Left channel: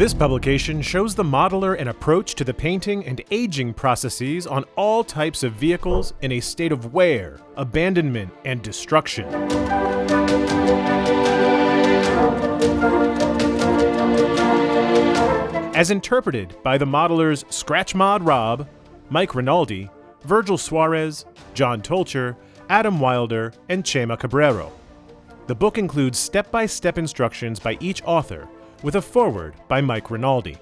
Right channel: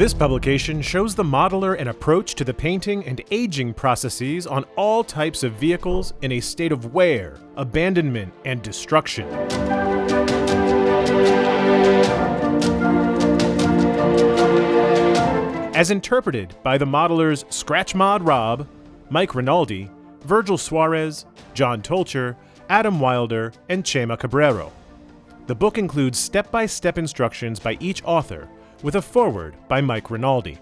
This publication shows the modeler an approach to the painting and aging processes on all types of vehicles in a state of wear, abandonment, and destruction. As interpreted by the modelers Scratch Mod Rob, Mike Rinaldi, Virgil Suarez, John Tolcher, Adam Wilder, and Chema Cabrero. The book includes step-by-step instructions by each author, with a foreword by Mike Rinaldi.